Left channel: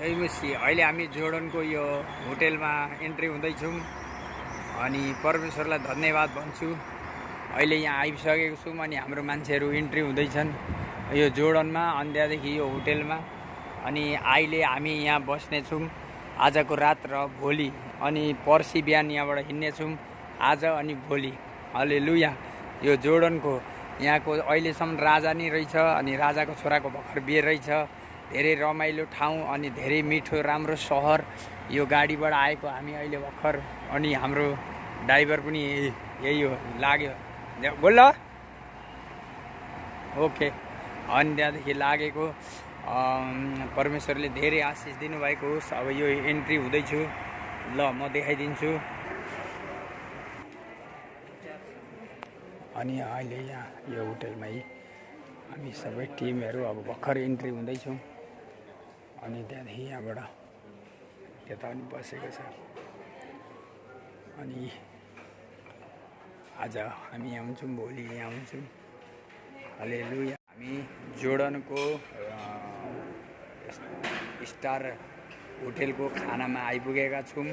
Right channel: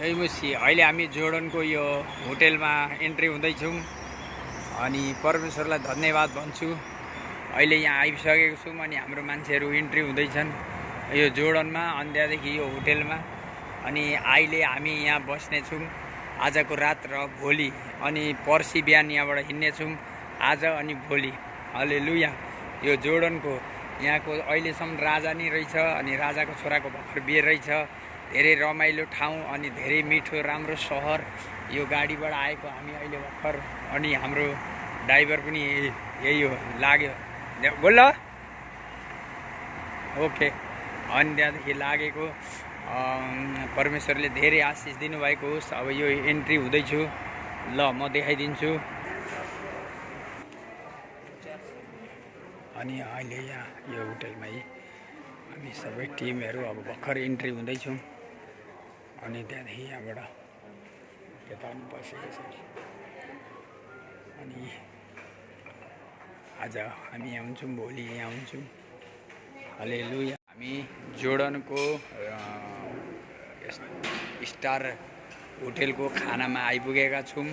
जय मसी। अहिले हामी जोर्डनको यो होटेलमा एन्ट्री हुँदैछौँ अनि परमेश्वरलाई धन्यवाद भन्छु। अहिले यहाँ आइसकेको छौँ अनि हाम्रो मान्छेहरू इन्ट्री हुँदैछन् यो जोर्डनमा अनि त्यहाँदेखि यो होटेलमा। अनि अहिले हामी यहाँ बस्नेछौँ आजको रात र भोलि अनि पर्सि बिहान यहाँबाट हिँड्नेछौँ आज अनि भोलि। हालेलुया। यो जोर्डनको यहाँको अहिलेसम्म राजा नै रहेछ अनि राजाको छोराको भर्खर बिहे रहेछ। धेरै रमाइलो ठाउँ अनि धेरै मिठो राम्रो सहर। यो गाडीबाट आएको हामी अहिले भर्खर अनि हाम्रो ड्राइभर पनि यही हो लाग्यो बोल ओके। अनि त्यहाँदेखि लागेको परमेश्वरले धेरै आशिष दिनुभएको होस्। अब यो एन्ट्री हुँदैछु ल म देखाइदिन्छु। अनि अहिले यहाँ यो होटेलमै हामी सबै टिमहरू अब भर्खर इन्ट्री हुँदैछौँ अनि त्यहाँदेखि यहाँबाट यता पनि बसेको छ। अनि आज हामी यहाँ हुन्छौँ भोलि यहाँ हुन्छौँ। हालेलुया। हामी जोर्डनको स्टार होटेलको खानामा आइपुगेका छौँ।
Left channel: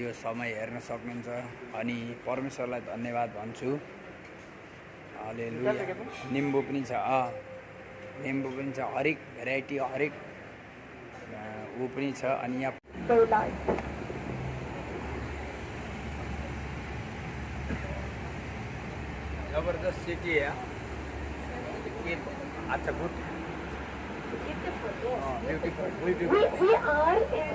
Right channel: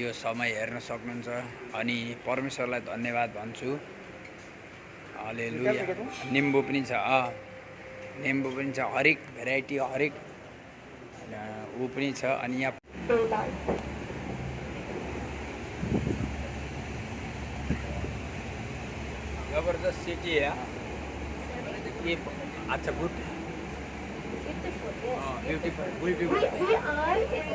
यो समय हेर्न सक्नुहुन्छ अनि परमेश्वरलाई धन्यवाद भन्छु। हालेलुया। निम्बु पनि छ निम्बु पनि छ हरेक भेराइटी हरेक ऊ पनि छ। अनि यहाँ जबरदस्त सिटी है। ये अच्छा good beautiful. We are in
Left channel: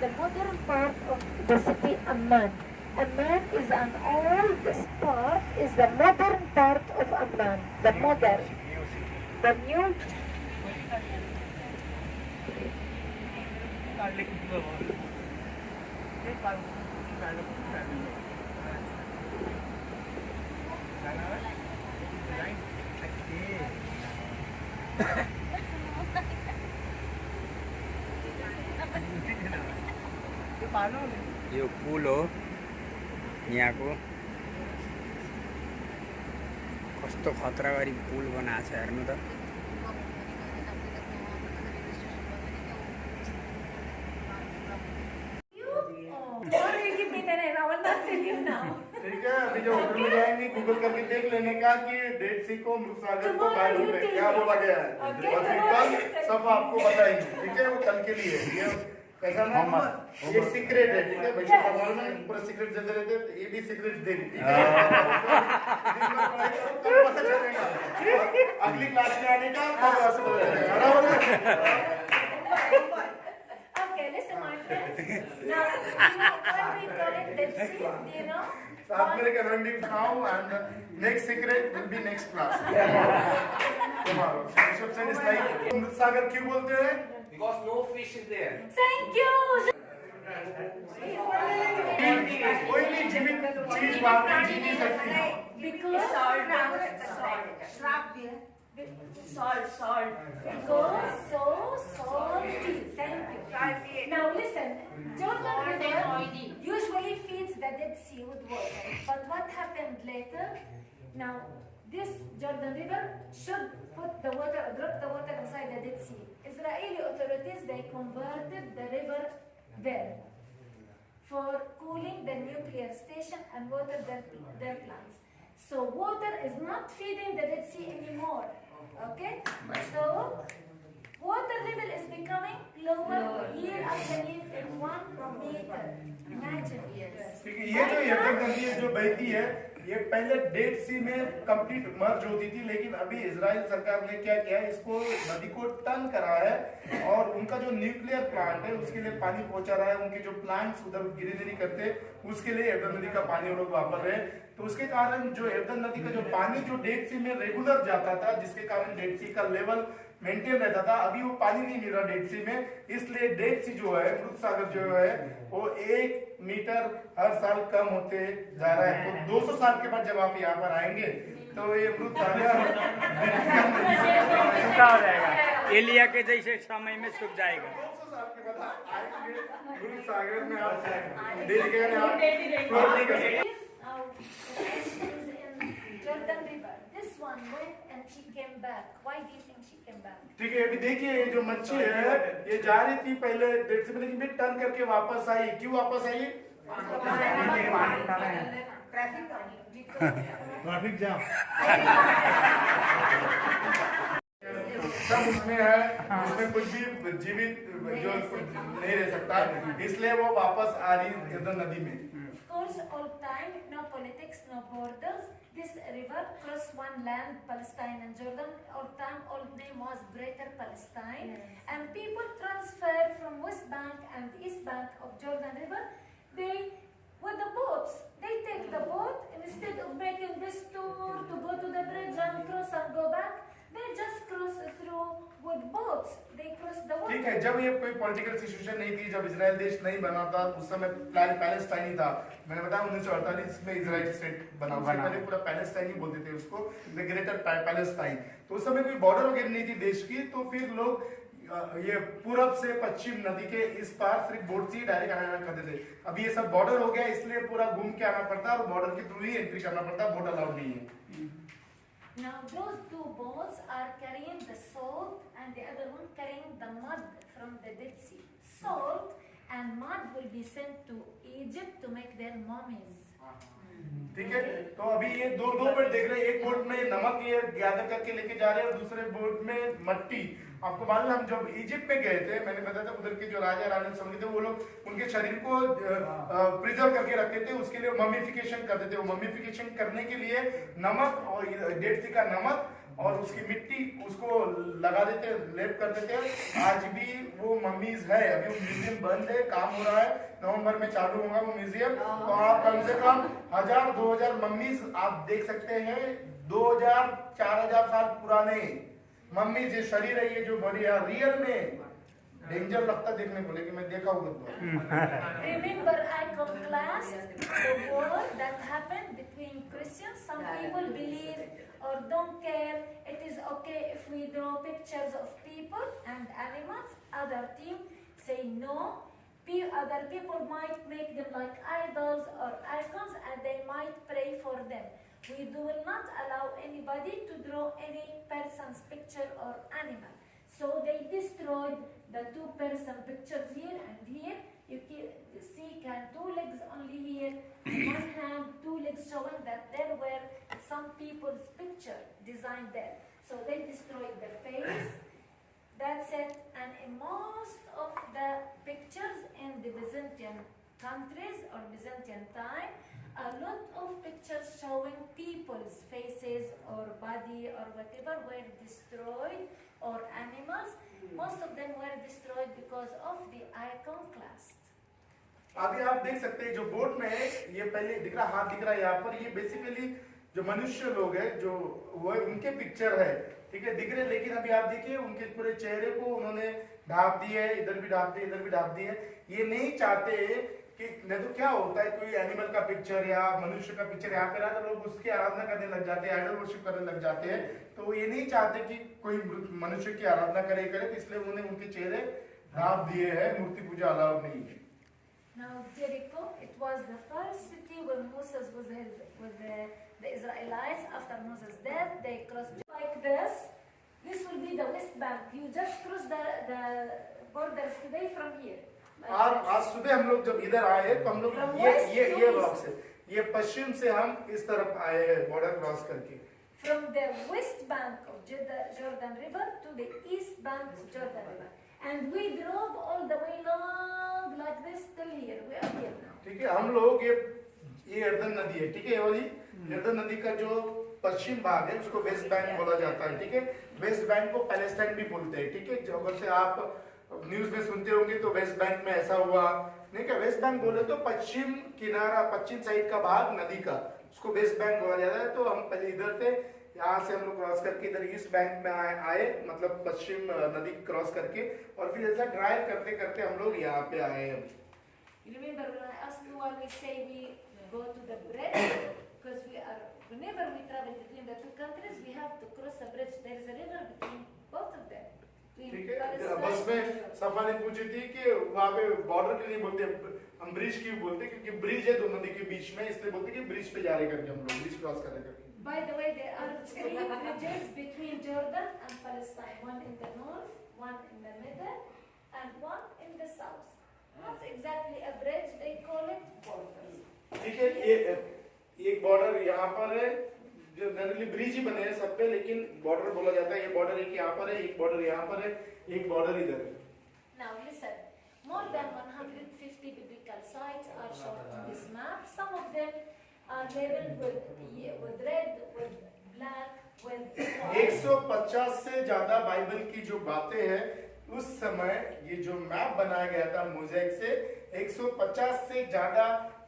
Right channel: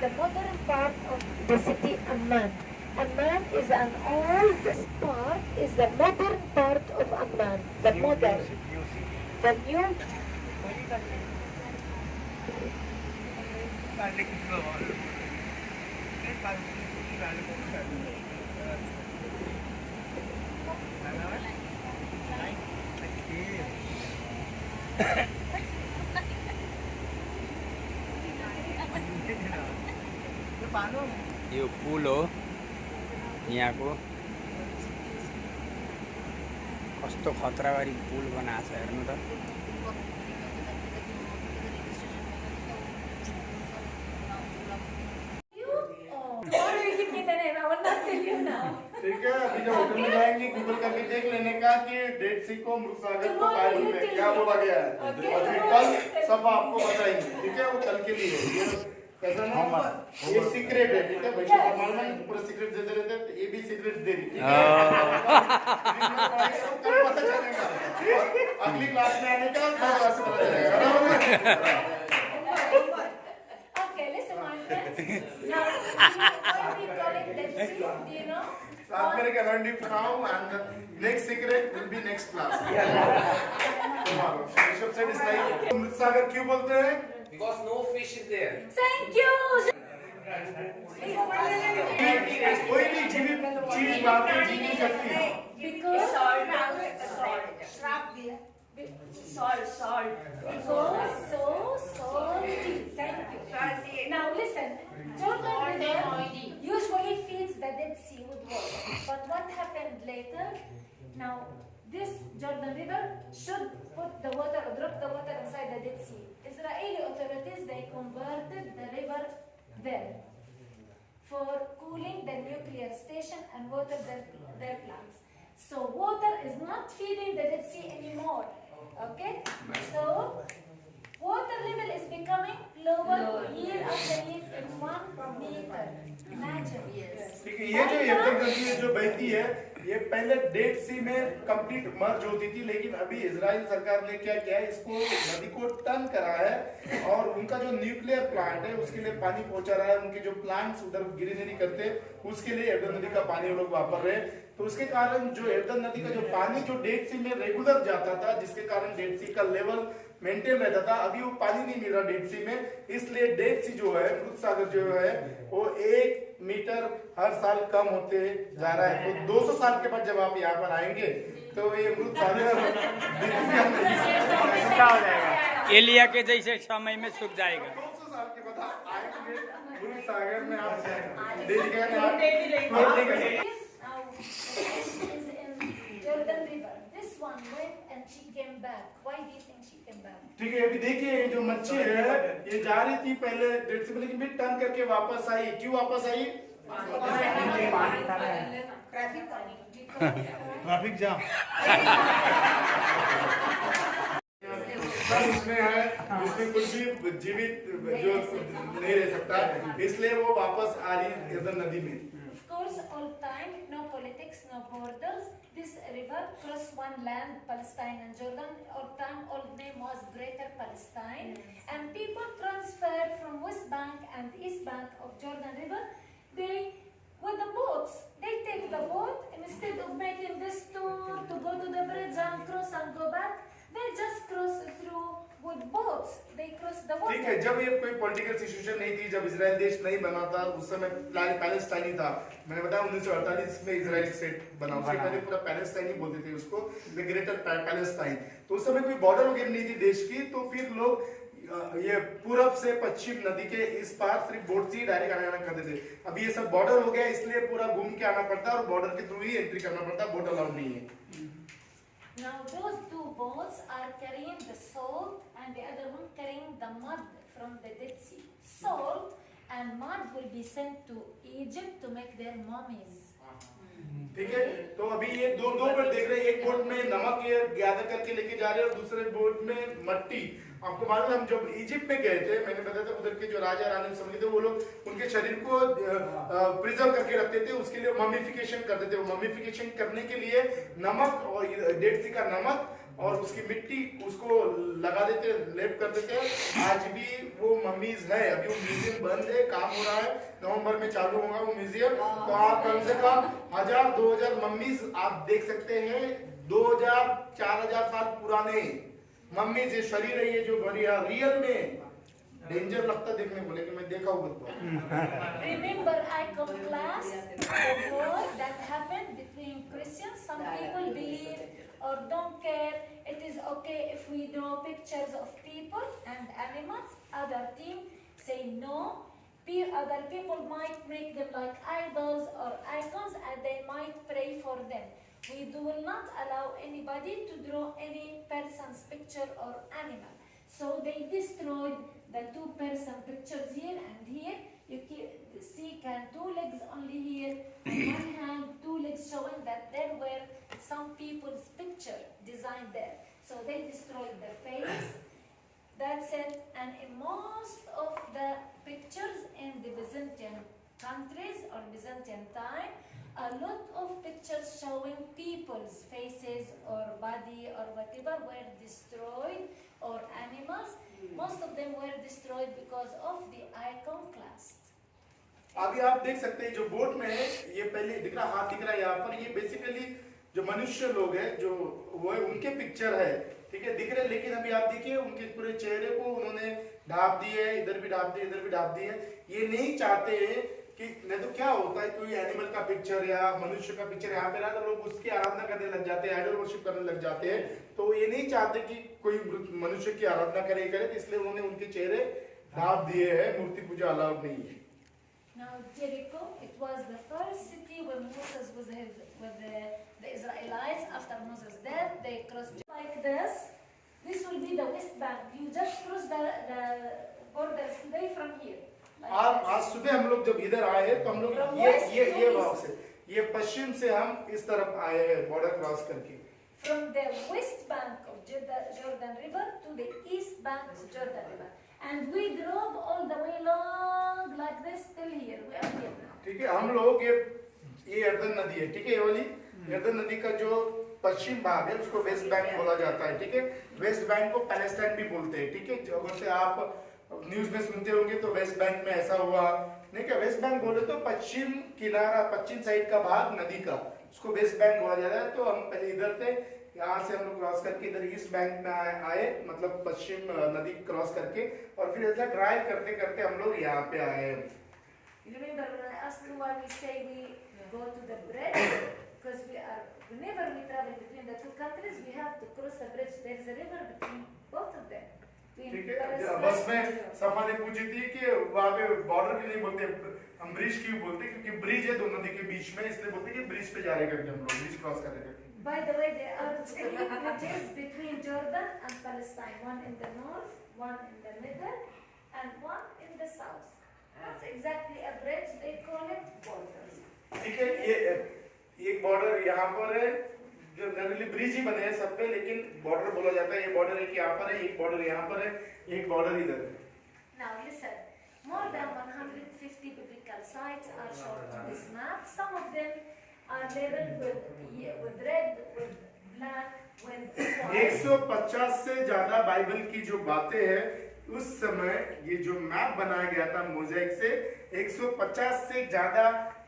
the modern part of the city Amman. Amman is an old. This part is the modern part of Amman. The modern. The new. यो पुल हो यहाँको। कस्तो खतरा गरी पुल बनाएको छ हेर्नु त। ठीक है, अभी जो होटल में जाएंगे गूगल करके देख लेने का कि डेड सी को मृत सागर को बाइबल में क्या बोला गया है और फिर कल सब आपको बताएंगे। ठीक है, वो कल के लिए ये कैसा ना ये सीक्रेट है। ठीक है, बच्चे नॉर्मल में पूरा सीक्रेट देते रहते हैं, ये भी सीक्रेट दे दी। कल पता चलेगा अगली क्लास में आने का क्लास में। Okay, listen, my friends. Now, we call it Dead Sea, do you know? साथ में लेके learn it now and next secret will be next class. Tomorrow. Bishop said it's like अमृत सागर क्यों बोलते हैं? Because no fish is there. Thank you. कोई भी जीवित चीज वहाँ पे जी नहीं सकती। Because salt. Because so salty. Thank you. Now listen, Jordan River usually feeds the Dead Sea with water. But what happened later? Now this Jordan River should put the water or drop the water inside the Dead Sea. Israeli authorities, they converted the river there for cooling the nuclear station and water their plants. So water is not feeding the Dead Sea anymore. Okay? So water level is becoming lower year after year in 1 meter. Imagine. ठीक है, ये जो यर्दन नदी जो बहती है ये पहले डेड सी में कंप्लीट मर्ज होती थी, लेकिन अभी इजराइल सरकार ने क्या किया है, इसको नदी को टर्न करा है और उनका जो न्यूक्लियर प्लांट है उसके लिए पानी पहुंचा रहा है। उनके जो प्लांट्स उधर ग्रीनरी करते उसके लिए यर्दन नदी का पानी वो लोग वापर रहे। तो उसके कारण जो यर्दन नदी का जो पानी जो डेड सी में रेगुलर जाता था, जिसके कारण डेड सी का लेवल मेंटेन रहता था, अभी वो पानी नहीं मिल रहा डेड सी में। इसलिए डेड सी जो है मृत सागर जो है वो 1 मीटर हर साल कम होते जा रहा है। तो 200 साल के बाद जब आप यहाँ पर आएंगे तो ये मृत सागर एलिया के जैसे समय में सूख जाएगा। 200 साल के बाद आएंगे मृत सागर में आप जाएंगे। Jordan River. This one went and she came back. Why do you think she came back? ठीक है, अभी देखिए ये जो मच्छी है ये जा रही थी पहले डेढ़ से लेकिन फिर टर्न करके वापस आई। क्यों वापस आई? Traffic jam. सब उसमें है, उसमें कुछ भी जीवित जो नहीं रह सकता, इसलिए वो वापस आ रही इधर नदी में। Of course, all time, no politics, no borders. This river crossed one land, Palestine and Jordan. All time, all name was Greater Palestine. And people transferred from West Bank and East Bank of Jordan River. They, with the boats, they take the boat instead of making this tour to go to the bridge and cross and go back. They just cross through with boats. They cross the water. ठीक है, जब ये कोई political situation नहीं थी, जब Israel देश नहीं बना था, उस समय पैलेस्टाइन ही था। मैंने बताया 1948 में इजराइल स्टेट बना, उससे पहले पूरा पैलेस्टाइन ही बोलते थे उसको, द ग्रेटर पैलेस्टाइन। तो उस समय कोई बॉर्डर वगैरह नहीं थी देश की, तो फिर लोग ये पूरब से पश्चिम नदी के इस पार सिर्फ बोट से ही डायरेक्ट आना जाना करते थे। अब ये सब बॉर्डर हो गया, इसलिए पूरा घूम के आना पड़ता है और बॉर्डर के थ्रू ही एंट्री करना पड़ता है, बोट अलाउड नहीं है। Now those two boats are carrying the salt and the other one carrying the mud from the Dead Sea. Salt and mud will be sent to Egypt to make their mummies. ठीक है, तो अभी ये दो boat देख रहे हैं, एक बोट में नमक ये गैदर करके लेके जा रहे हैं और दूसरे बोट में मट्टी। आपको मालूम है हम जब इजिप्ट में गए थे, मैंने बताया था उधर के जो राजा रानी सब थे वो लोग उनके शरीर को प्रिजर्व करके रखते थे, उसके लिए ममीफिकेशन करते थे। वो ममीफिकेशन करने के लिए नमक और डेड सी का नमक और उसकी मिट्टी उसको लगा देते, लेप कर देते। आज भी वो मम्मीज है, अभी वो म्यूजियम बंद है, काम हो रहा है, नवंबर में चालू होगा वो म्यूजियम। तो आप कम से कम 1000-2000 मम्मीज आप देख सकते हैं, 2000-4000 साल पुराने मम्मी से शरीर है ये जो बड़ी है, रियल में डेंजर लगता देखने को, लेकिन मैं देखा हुआ। Remember iconoclast, the war that happened between Christians. Some people believe or don't care. It is okay if we draw pictures of people and animals. Other team say no. Other people might make them like idols or icons and they might pray for them. We will not allow anybody to draw any person's picture or animal. So they destroyed the 2-person pictures here and here. You see two legs only here, one hand, 2 legs showing that there were some people's picture designed there. So they destroyed the face. That's it. And in most of the pictures in the Byzantine countries or Byzantine time, a lot of pictures showing people's faces or body or whatever were destroyed, or animals. Most of them were destroyed because of the iconoclast. अभी आप देख सकते हैं जो boat में है, ये पहले दिख रहा, हाथ दिख रहा है यहाँ पर, ये बेसिकली जो मनुष्य लोग हैं जो वो है, उनके पिक्चर है, ठीक है, दिख रहे। लेकिन अभी आप देखिए उनके पूरे चेहरे को उन्होंने ढाप दी है, इधर भी ढाप दी, इधर भी ढाप दी है। ये नहीं चाहते कि नहीं तो क्या होता है, कोई एनिमल का पिक्चर या मनुष्य का पिक्चर यहाँ पे रहा तो लोग उसकी आराधना करने लग जाते हैं, आइडल वर्शिप करने लग जाते हैं। तो ये नहीं चाहते कि कोई मनुष्य की आराधना करे, तो इसलिए उन्होंने उनके चेहरे ढाप दिए हैं। मूर्ति पूजा अलाउड नहीं है। Now Jericho, it was the first city when Moses was with the Israelites after Moses' death. They crossed like this. This will be the West Bank. You just cross the borders today from here. आज सुबह हम लोग जब इधर आए तो हम लोग ये भाव से, ये पश्चिम से हम इस तरफ आए हैं बॉर्डर क्रॉस करके। From the west bank of Jordan River to the east bank of Jordan River. And we drove all the way long like this till here. We are here now. ठीक है, हम लोग ये यर्दन नदी है, ठीक है, ये वाली यर्दन नदी का जो पश्चिम भाग है उसको वेस्ट बैंक बोला जाता है, ठीक है। वेस्ट बैंक को पैलेस्टाइन भी बोलते हैं, ठीक है। अगर से आप न्यूज में सुनते होंगे तो वेस्ट बैंक में ऐसा हुआ नहीं, क्या वेस्ट बैंक बोले तो पश्चिम किनारा, पश्चिम साइड का भाग नदी का, उसको वेस्ट बैंक बोला जाता है। तो हम पहले इधर थे, यहाँ से हम लोग क्रॉस करके इधर ईस्ट बैंक में आए, मतलब पश्चिम नदी क्रॉस करके, और फिर ऐसा ड्राइव करते करते हम लोग यहाँ पे आए। Remember when I asked you why we say we go to the bridge? Because whenever we travel between the 2 countries, we have to cross a bridge. There is a river between both of them. ठीक है, बस में सफा ने पूछी थी कि वहाँ पे बॉर्डर क्यों नहीं बोलते, हम ब्रिज क्यों बोलते, क्योंकि ब्रिज है दो नदी के बीच में, इसलिए बोलते कि ब्रिज पे जा रहे करके हम लोग ब्रिज क्रॉस कर रहे करके। By the way, there are 3 bridges between Jordan and Palestine. One in the north, one in the middle, and one in the south. Not exactly a bridge, they call it borders. ठीक है, ये एक border यहाँ पर है, जो generally bridge ही बने हैं सब पे, लेकिन बॉर्डर बोला जाता है। ये बॉर्डर एक यहाँ पर है, एक बॉर्डर यहाँ पर है, एक बॉर्डर इधर है। Now listen, more than 150 biblical sites are shown on this map. Some of them are labeled with red, with black, with white. 150 से ज्यादा बाइबल की जो बातें हैं, उस समय ये जो मैप बनाया गया था मोज़ेक से, 150 से ज्यादा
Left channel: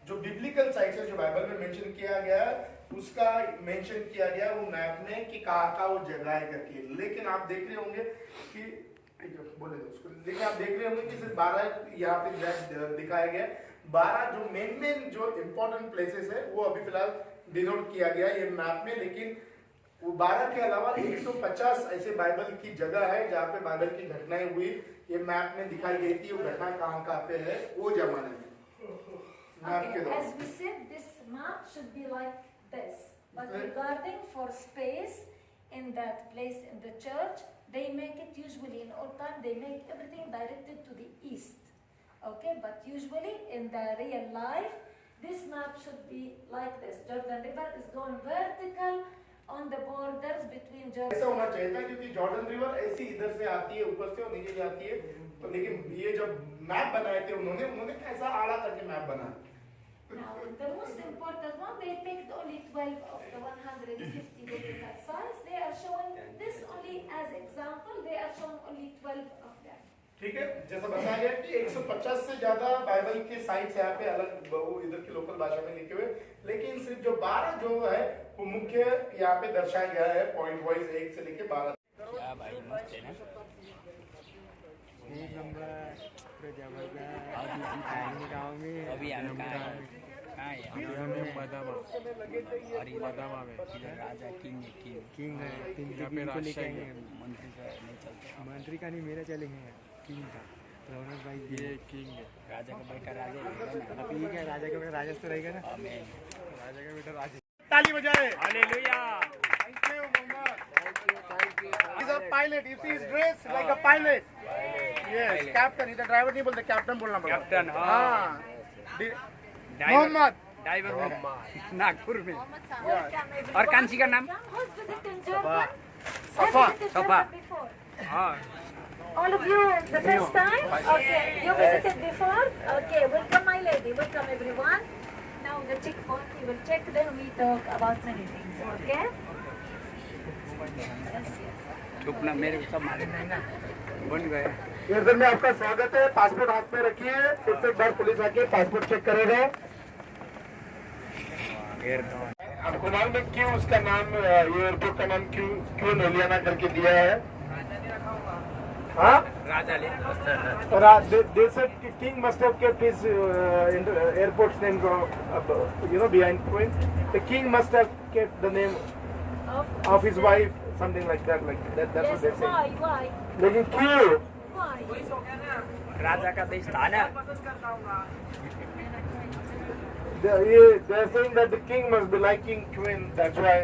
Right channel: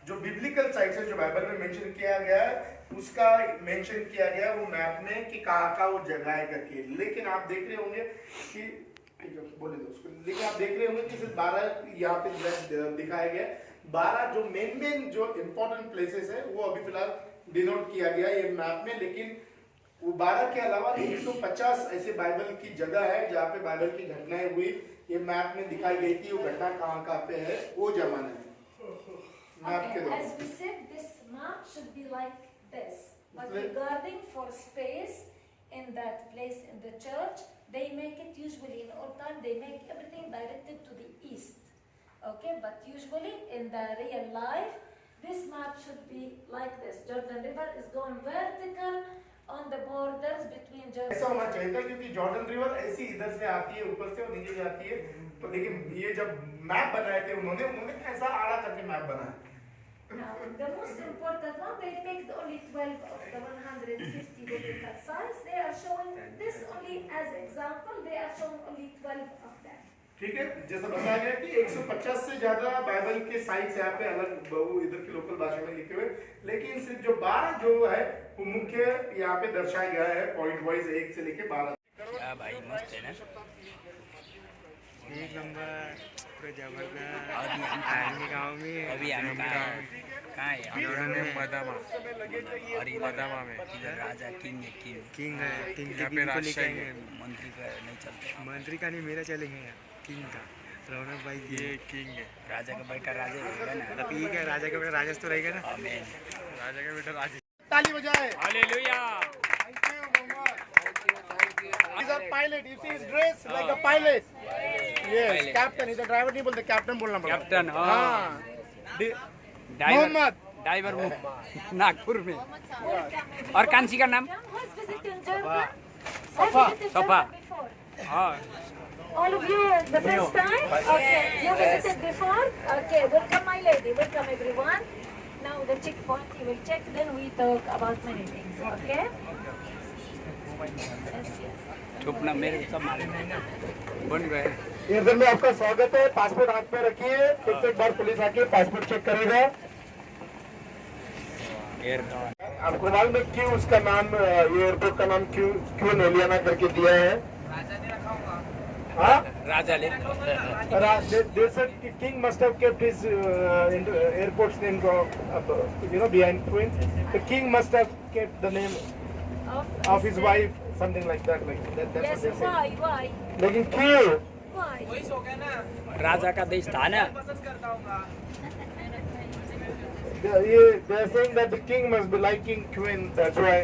जो बिब्लिकल साइट्स है जो बाइबल में मेंशन किया गया है, उसका मेंशन किया गया वो मैप में कि कहाँ वो जगह है करके। लेकिन आप देख रहे होंगे कि बोले दो उसको, लेकिन आप देख रहे होंगे कि सिर्फ 12 यहाँ पे दिखाया गया। 12 जो मेन जो इम्पोर्टेंट प्लेसेस है वो अभी फिलहाल डिनोट किया गया है ये मैप में। लेकिन वो 12 के अलावा 150 ऐसे बाइबल की जगह है जहाँ पे बाइबल की घटनाएं हुई, ये मैप में दिखाई गई थी। वो घटना कहाँ पे है वो जमाने में मैप के दौरान। As we said, this map should be like this. But regarding for space in that place in the church, they make it usually in old time, they make everything directed to the east. Okay, but usually in the real life, this map should be like this. Jordan River is going vertical on the borders between Jordan. ऐसा होना चाहिए था क्योंकि Jordan river ऐसी इधर से आती है, ऊपर से और नीचे से आती है। तो लेकिन ये जब मैप बनाए थे उन्होंने ऐसा आड़ा करके मैप बनाया। Now, the most important one, they picked only 12 of the 150 biblical sites. They are showing this only as example. They are showing only 12 of them. ठीक है, जैसा बताया गया कि 150 से ज्यादा बाइबल के साइट्स यहाँ पे अलग इधर की लोकल भाषा में लिखे हुए, लेकिन सिर्फ जो 12 जो है वो मुख्य यहाँ पे दर्शाया गया है पॉइंट वाइज 1 से लेके 12। क्या भाई मस्त है ना, एक नंबर पूरा जबरदस्त। अभी हम आएंगे गाँव में, अभी हम कहाँ है? इधर में मदामा, और इधर मदामा में इधर राजा किंग है, किंग है, किंग यहाँ के पे किंग को लेके राजशाही आएंगे। है, मंत्री का नहीं चलता। मंत्री का नहीं, मेरा चलेंगे यार, किंग का। रौनक भाई ये किंग है, राजा का बेटा राजा रहेगा ना। ठीक है, राजा का बेटा राजस तो रहेगा ना। आमीन। राजा का बेटा राजस। ताली बजाए। Hallelujah. Thank you, Mohammed. He's a pilot. You see his dress like a pilot. Yes, Pilot. captain. इधर ड्राइवर नहीं बोलते, कैप्टन बोलना पड़ेगा। कैप्टन, हाँ। हाँ। मोहम्मद ड्राइवर वो नागपुर में। और कांसी का नाम? Who's visiting Jordan? Safa. Has visited Safa. Jordan before? हाँ, All of you the first time? Okay, you visited before? Okay, welcome my lady, welcome everyone. Now the checkpoint, we will check, then we talk about many things, okay? Yes, yes. चुपना मेरे को सब मालूम है, बन गए। इधर में आपका स्वागत है। पासपोर्ट हाथ में रखिए, फिर से एक बार पुलिस आके पासपोर्ट चेक करेगा। आपको मालूम है क्यों उसका नाम, ये एयरपोर्ट का नाम क्यों नोलियाना करके दिया है? हाँ, राजा ले they said king must have kept his airport's name, behind Queen. The king must have kept the name of his wife, something like that. That's Yes, what they said. why? लेकिन क्यों? Why? राजा का देश था ना। They're saying that the king must be liking Queen. That's why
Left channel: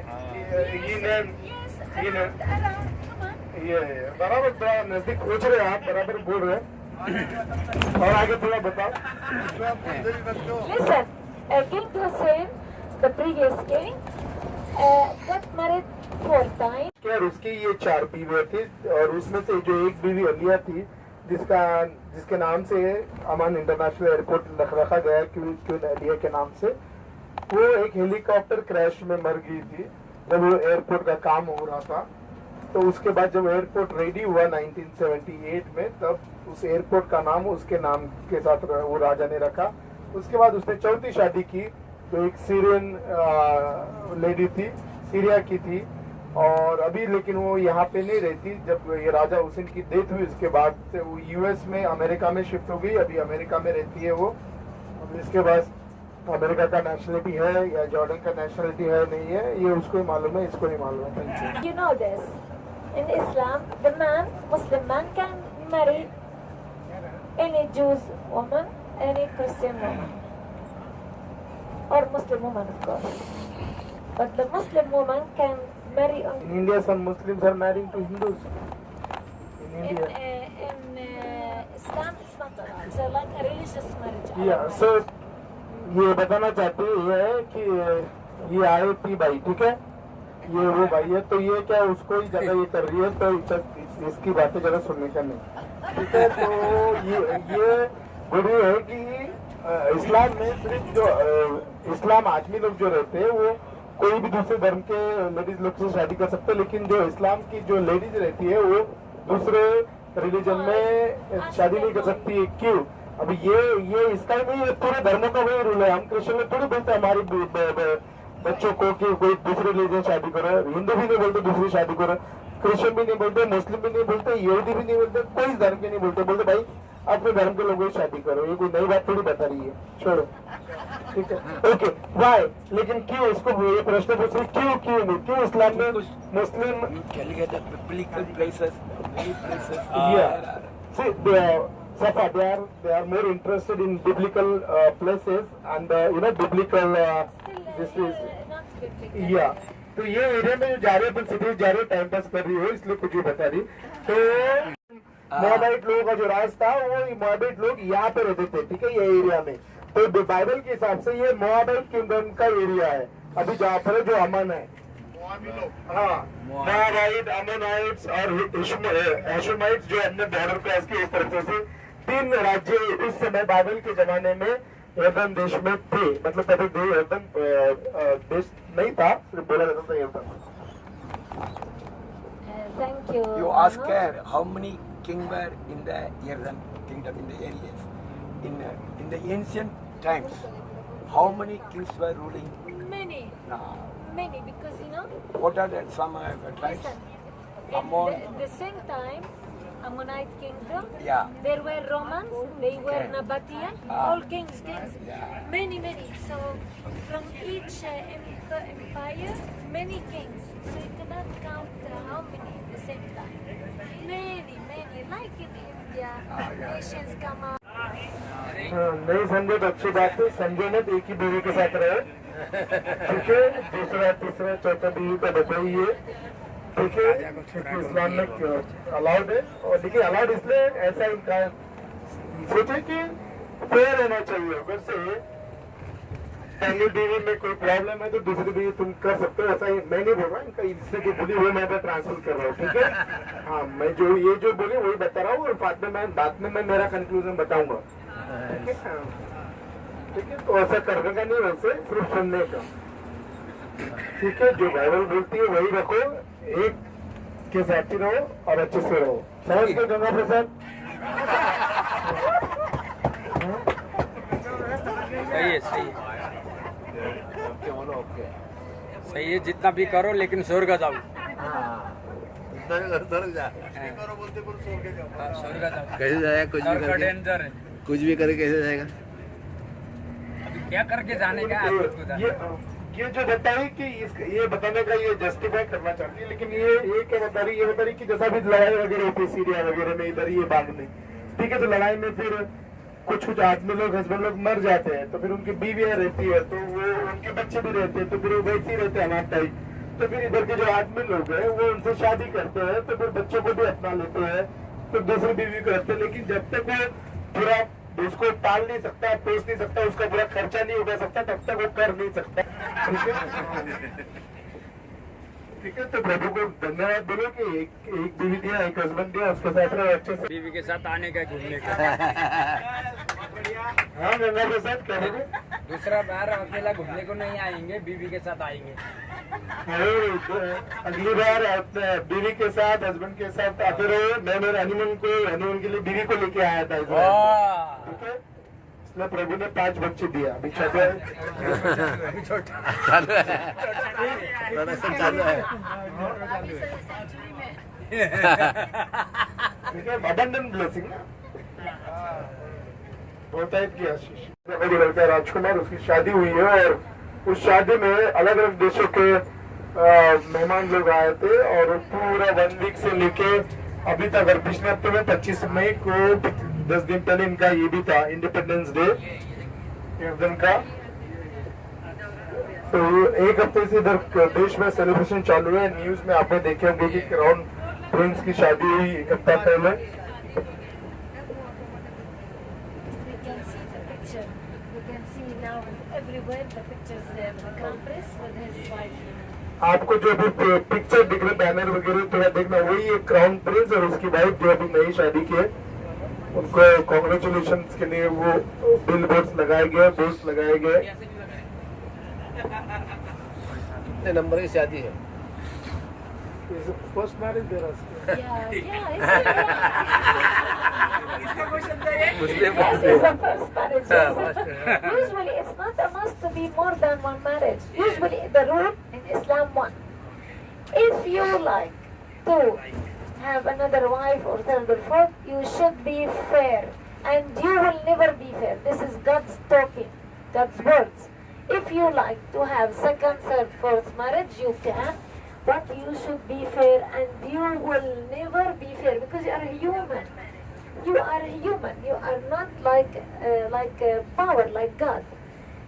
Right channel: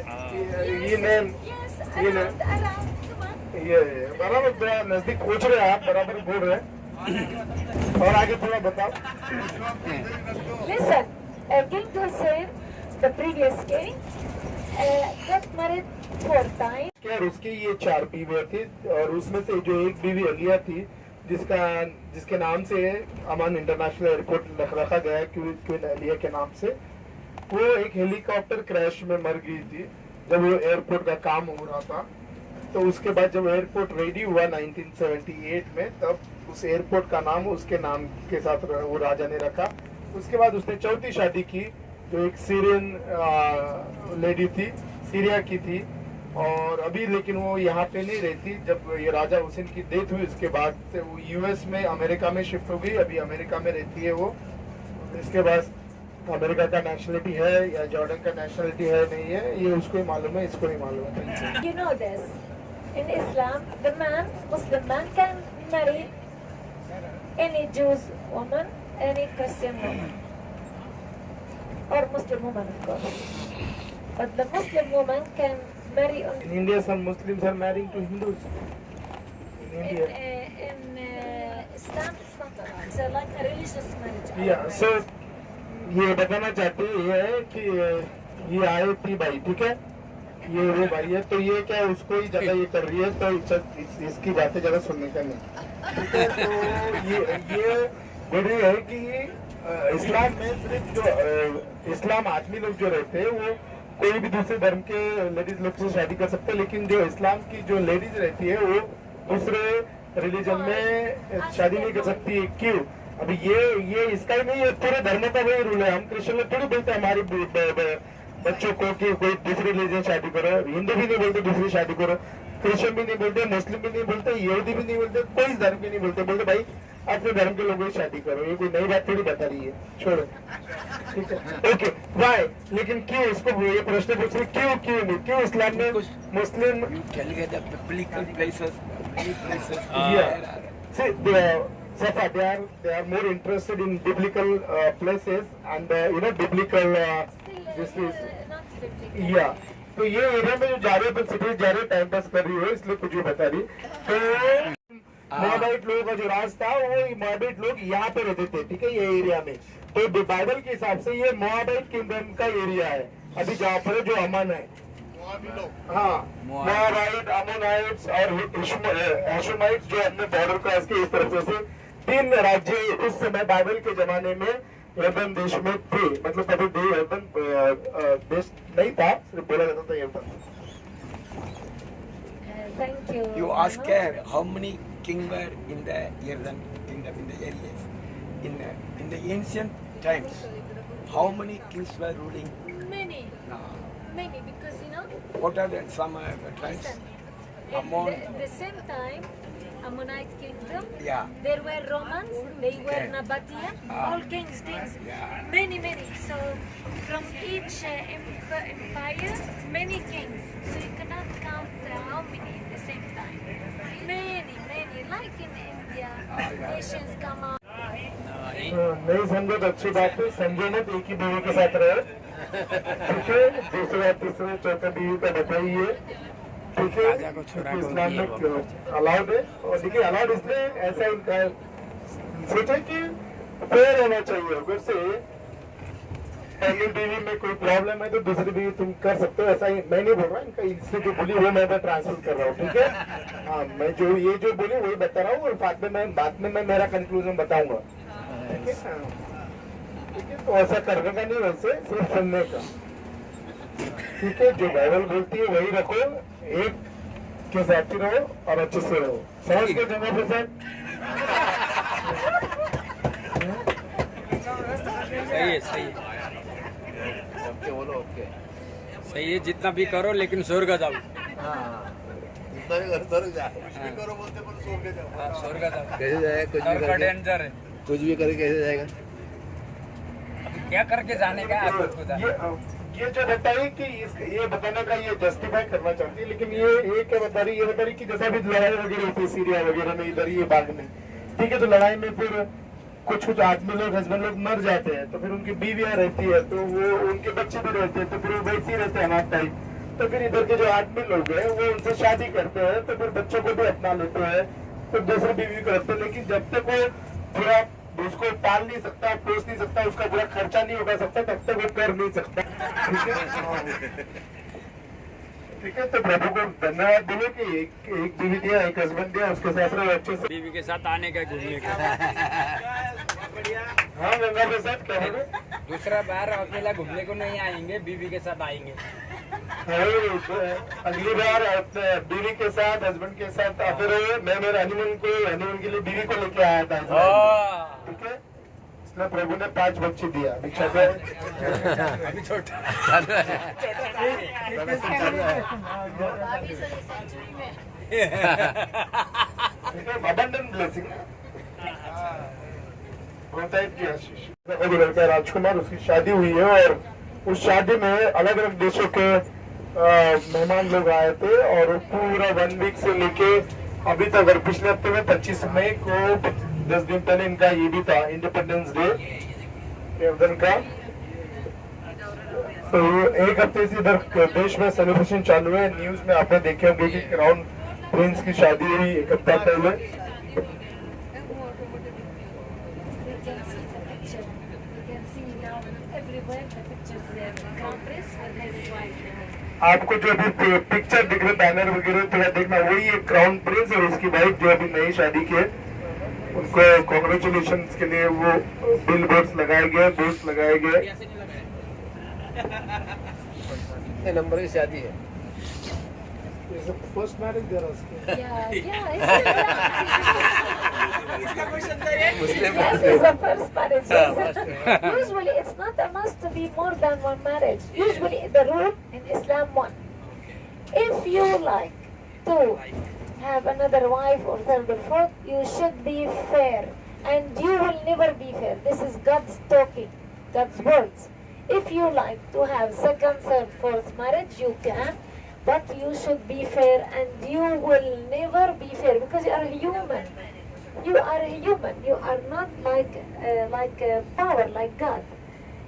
he named. Yes, You know. around, come on. ये बराबर थोड़ा नजदीक पूछ रहे हैं आप, बराबर बोल रहे हैं। और आगे थोड़ा बताओ। Listen, King Hussein, the previous king, got married 4 times. क्या उसके ये 4 बीवियाँ थी, और उसमें से जो एक बीवी अलिया थी, जिसके नाम से अमान इंटरनेशनल एयरपोर्ट रखा गया क्वीन अलिया के नाम से, वो एक हेलीकॉप्टर क्रैश में मर गई थी जब वो एयरपोर्ट का काम हो रहा था। तो उसके बाद जब एयरपोर्ट रेडी हुआ 1978 में, तब उस एयरपोर्ट का नाम उसके नाम के साथ वो राजा ने रखा। उसके बाद उसने 4थी शादी की, जो एक सीरियन लेडी थी, सीरिया की थी, और अभी लेकिन वो यहाँ पे नहीं रहती। जब ये राजा हुसैन की डेथ हुई उसके बाद से वो यूएस में, अमेरिका में शिफ्ट हो गई। अभी अमेरिका में रहती है वो। इसके बाद अमेरिका का नेशनलिटी है या जॉर्डन का नेशनलिटी है नहीं है, ये उसको ही मालूम है, इसको नहीं मालूम है। You know this. In Islam, the Muslim man can marry any Jewish woman, any Christian woman, or Muslim woman, of course. But the Muslim woman can marry on In India, some Muslims are marrying to Hindus. In in, India. Islam it's not allowed. It's like a religious marriage. Yeah, so ये बताना चाहते हैं ये है कि ये आई थी भाई, ठीक है, ये वो भाई है, तो ये क्या उसको ही ज्यादा ये कर रही है, तो इसकी बातें ज्यादा सुनने का नहीं, ठीक है। तो ये बोल रही है कि इस्लाम में सिर्फ जो इस्लाम आदमी लोग जो रहते हैं वो कोई भी दूसरे धर्म के लेडीज लोग से शादी कर सकते हैं, लेकिन जो इस्लाम की जो लेडीज रहती है वो दूसरे रिलीजन में शादी नहीं कर सकती। क्यों? अब ये इसका ही नहीं है, पूरे धर्मों का वही रूल है। हम क्रिश्चियन में थोड़ी बोलते हैं हमारे बच्चों को कि कोई दूसरे रिलीजन शादी करो, हिंदू भी नहीं बोलते दूसरी शादी करो, क्रिश्चियन भी नहीं बोलते, मुस्लिम भी नहीं बोलते, यहूदी भी नहीं बोलते, कोई धर्म भी नहीं बोलते, बोलते भाई अपने धर्म के लोगों की शादी करो। ये कोई नई बात थोड़ी बता रही है, छोड़ो, ठीक है, ओके वाई। लेकिन क्यों इसको ये प्रश्न पूछ रहे, क्यों इस्लाम में मुस्लिम Can you get the biblical places? Many places. Yeah. See, Safa, they are more interested in biblical places and biblical. This Still is not biblical. yeah. तो ये एरिया में जो जा रहे हो तुम सिटी जा रहे हो टाइम पास कर रही हो इसलिए कुछ भी बता रही। तो मोआबाइट लोगों का जो राज था वो मोआबाइट लोग यहाँ पे रहते थे, ठीक है, ये एरिया में। तो बाइबल के हिसाब से ये मोआबाइट किंगडम का एरिया है अभी जहाँ पर जो अमन है। हाँ, मोआबाइट, अमोनाइट्स और हेशमाइट्स जो हमने बॉर्डर क्रॉस किए, इस तरह से 3 राज्य उस समय बाइबल के जमाने में यर्दन देश में थे। मतलब कभी यर्दन देश नहीं था, सिर्फ बोला जाता था यर्दन। Thank you. You ask Manoj. her how many kings were in the Yarden kingdom in the areas. In the ancient times, how many kings were ruling? Many, because What are the some tribes? listen, in Ammon. the same time, Ammonite kingdom, Yeah. there were Romans, they were Yeah. Nabatean, Ah. all kings, Yeah. many. So from each empire, many kings. So you cannot count how many at the same time. Many, like in India, nations come out. नहीं समझे तो अच्छी बात है, समझे ना तो एक ही बीवी के साथ रहे, ठीक है, दूसरा तीसरा चौथा बीवी का बताइए, ठीक है, क्योंकि इस्लाम में अलाउड है। और देखिए अलाउड इसलिए ऐसा इनका सोचे कि फेयर होना चाहिए। अगर से पहली बीवी में कोई प्रॉब्लम है तो दूसरी बीवी तुम कर सकते हो, ऐसा ही मैं नहीं बोल रहा, इनका इससे जो बोली वो मैं ट्रांसफर कर रहा हूँ, ठीक है। हाँ, मैं जो बोली वही बता रहा हूँ और बाद में मैं मेरा कंक्लूजन बताऊंगा, ठीक है। ठीक है, तो ऐसा करने का नहीं, वैसे सिर्फ सुनने का, ठीक है। जो बाइबल बोलती है वही रखो, एक के साथ ही रहो और अच्छे से रहो। समझ गए गंगा प्रसाद? सही है सही है, जितना भी करो लेकिन स्वर्ग जाओ। स्वर्ग जाओ, कैसे जाएगा? कुछ भी नरक करके डेंजर है। कुछ भी करे कैसे जाएगा? अभी क्या करके जाने का है आपको खुदा? ये जो बताई कि ये बताने का ये जस्टिफाई करना चाहती है, लेकिन ये क्या बता रही, ये बता रही कि जैसा भी लड़ाई वगैरह होती है सीरिया वगैरह में, इधर ये भाग में, ठीक है, तो लड़ाई में फिर कुछ आदमी लोग, हस्बैंड लोग मर जाते हैं, तो फिर उनकी बीवियां रहती है, तो वो उनके बच्चे भी रहते हैं, तो फिर वो वैसे ही रहते हैं अनाथ टाइप। तो फिर इधर के जो आदमी लोग हैं वो उनसे शादी करते हैं, तो फिर बच्चों को भी अपना लेते हैं, तो दूसरी बीवी करते हैं। लेकिन जब तक वो पूरा उसको पाल नहीं सकता, पोस नहीं सकता, उसका पूरा खर्चा नहीं उठा सकता, तब तक वो कर नहीं सकता, ठीक है। ठीक है, तो प्रभु को धन्यवाद बोलो कि एक बीवी दिया, एक हस्बैंड दिया, उसके साथ रहो अच्छे से। बीवी के साथ आने का, घूमने का। हाँ, गंगा के साथ करोगे? दूसरा बार अकेला घूमने को नहीं आएंगे, बीवी के साथ आएंगे। अगली बार अपने बीवी के साथ, हस्बैंड के साथ आते रहो। मैं मेरे हनीमून के लिए बीवी को लेके आया था, ठीक है। इसलिए प्रभु ने 5 बच्चे दिया, अभी छोटे अभी छोटा ठीक है, abundant blessing होता है कि आशीष। एक लड़का राजकुमार, उसकी शादी हुई है और उस शादी में अलग अलग देशों के मेहमान लोग आए थे और पूरा 1 वीक से लेके अभी तक, और पिछले हफ्ते में 25 मई को 10 दिन पहले इनका ये भी था इंडिपेंडेंस डे यर्दन का। तो एक हफ्ते से इधर देश में सेलिब्रेशन चालू है। न्यूज में आपने देखे होंगे कि क्राउन प्रिंस की शादी हुई एक हफ्ता पहले। You can see the picture. You can see now everywhere the pictures there. The crown prince with his wife. आपको जो अभी पिक्चर दिख रहे बैनर वगैरह थोड़ा देखना, वही है क्राउन प्रिंस और उसकी वाइफ जो अभी नई शादी की है। उनको कॉन्ग्रेचुलेशन के लिए वो बिल बोर्ड्स लगाए गए, बोर्ड्स लगाए गए। कितने नंबर की शादी है? First marriage there Yeah, yeah. Muslim Yes, it's the first marriage. Usually, it's not a must to be more than one marriage. Usually, the rule in Islam one. If you like to have another wife or third or fourth, you should be fair, and you will never be fair. This is God's talking, God's words. If you like to have second, third, fourth marriage, you can. But you should be fair, and you will never be fair because you are human. You are a human. You are not like power, like God.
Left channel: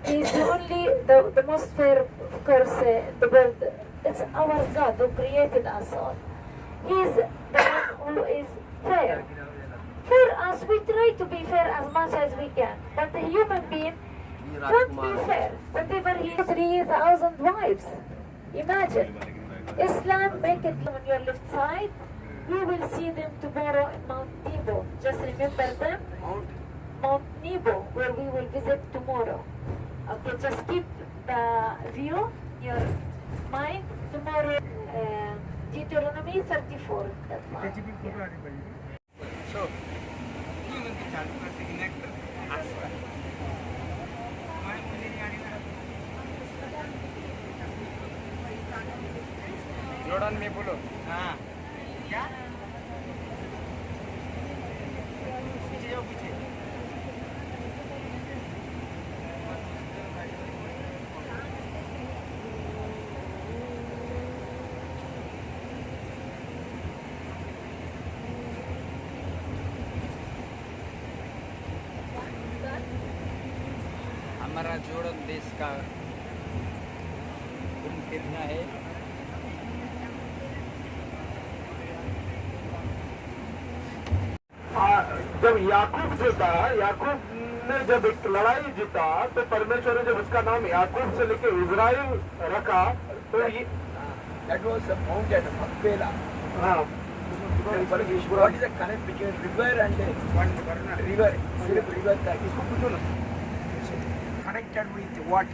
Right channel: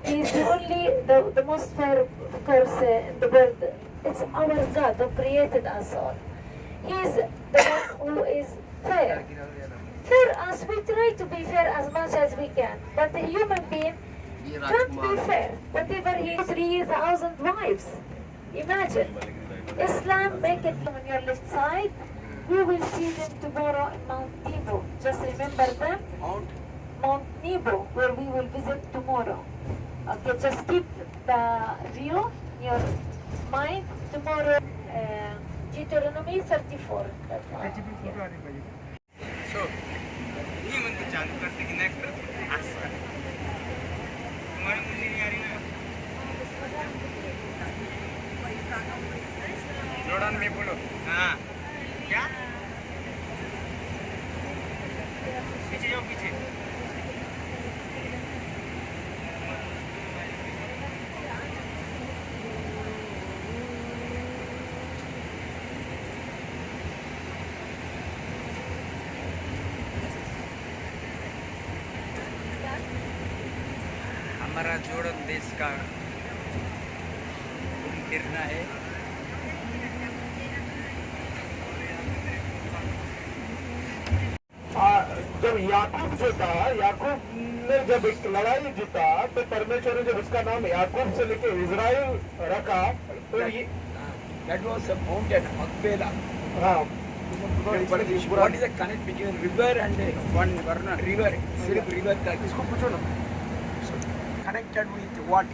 He is the only, the most fair, of course, in the world. It's our God who created us all. He is the one who is fair. For us, we try to be fair as much as we can. But a human being can't be fair. Whatever he has 3,000 wives. Imagine. Islam make it on your left side. You will see them tomorrow in Mount Nebo. Just remember them. Mount Nebo, where we will visit tomorrow. Okay, just keep the view in your mind. Tomorrow, Deuteronomy 34. That's one. So, ये मंदिर चालू करते कि नहीं कर आसपास हमारे मुझे नहीं आ रही ना। जॉर्डन में बोलो। हाँ क्या पीछे जाओ पीछे। हमारा जॉर्डन देश का गिरना है। जब याकूब जो था, याकूब ने जब एक लड़ाई जीता तो परमेश्वर ने जब उसका नाम याकूब से लेके इजराइल रखा तो ये That was a mountain, Makpela. हाँ What is the connect between river and one river? Silk river का इसको पूछो ना. Connected with what?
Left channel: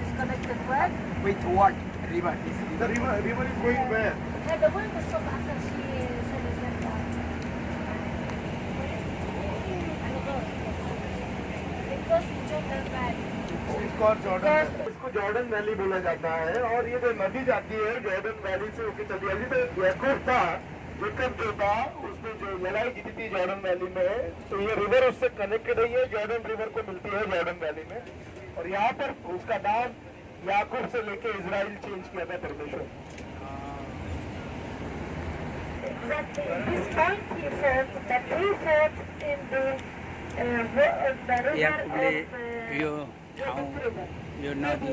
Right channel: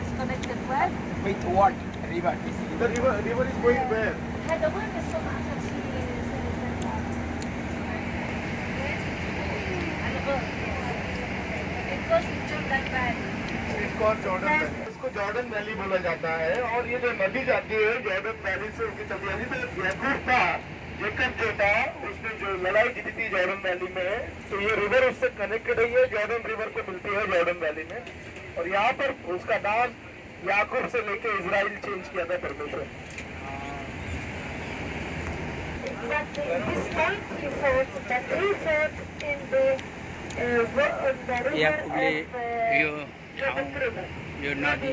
Disconnected what? With what? River. the river is going where? The one is so much. It goes to Jordan Valley. इसको Jordan valley बोला जाता है। और ये जो नदी जाती है जॉर्डन वैली से होकर चलती है। तो याकूब था, जेकब जो था, उसने जो लड़ाई जीती थी जॉर्डन वैली में, तो ये रिवर उससे कनेक्टेड हुई है, जॉर्डन रिवर को मिलती है जॉर्डन वैली में। और यहाँ पर उसका नाम याकूब से लेके इजराइल चेंज किया था परमेश्वर। Exactly. This time he fought, but he fought in the river याकूबले of यो ठाउँ यो नदी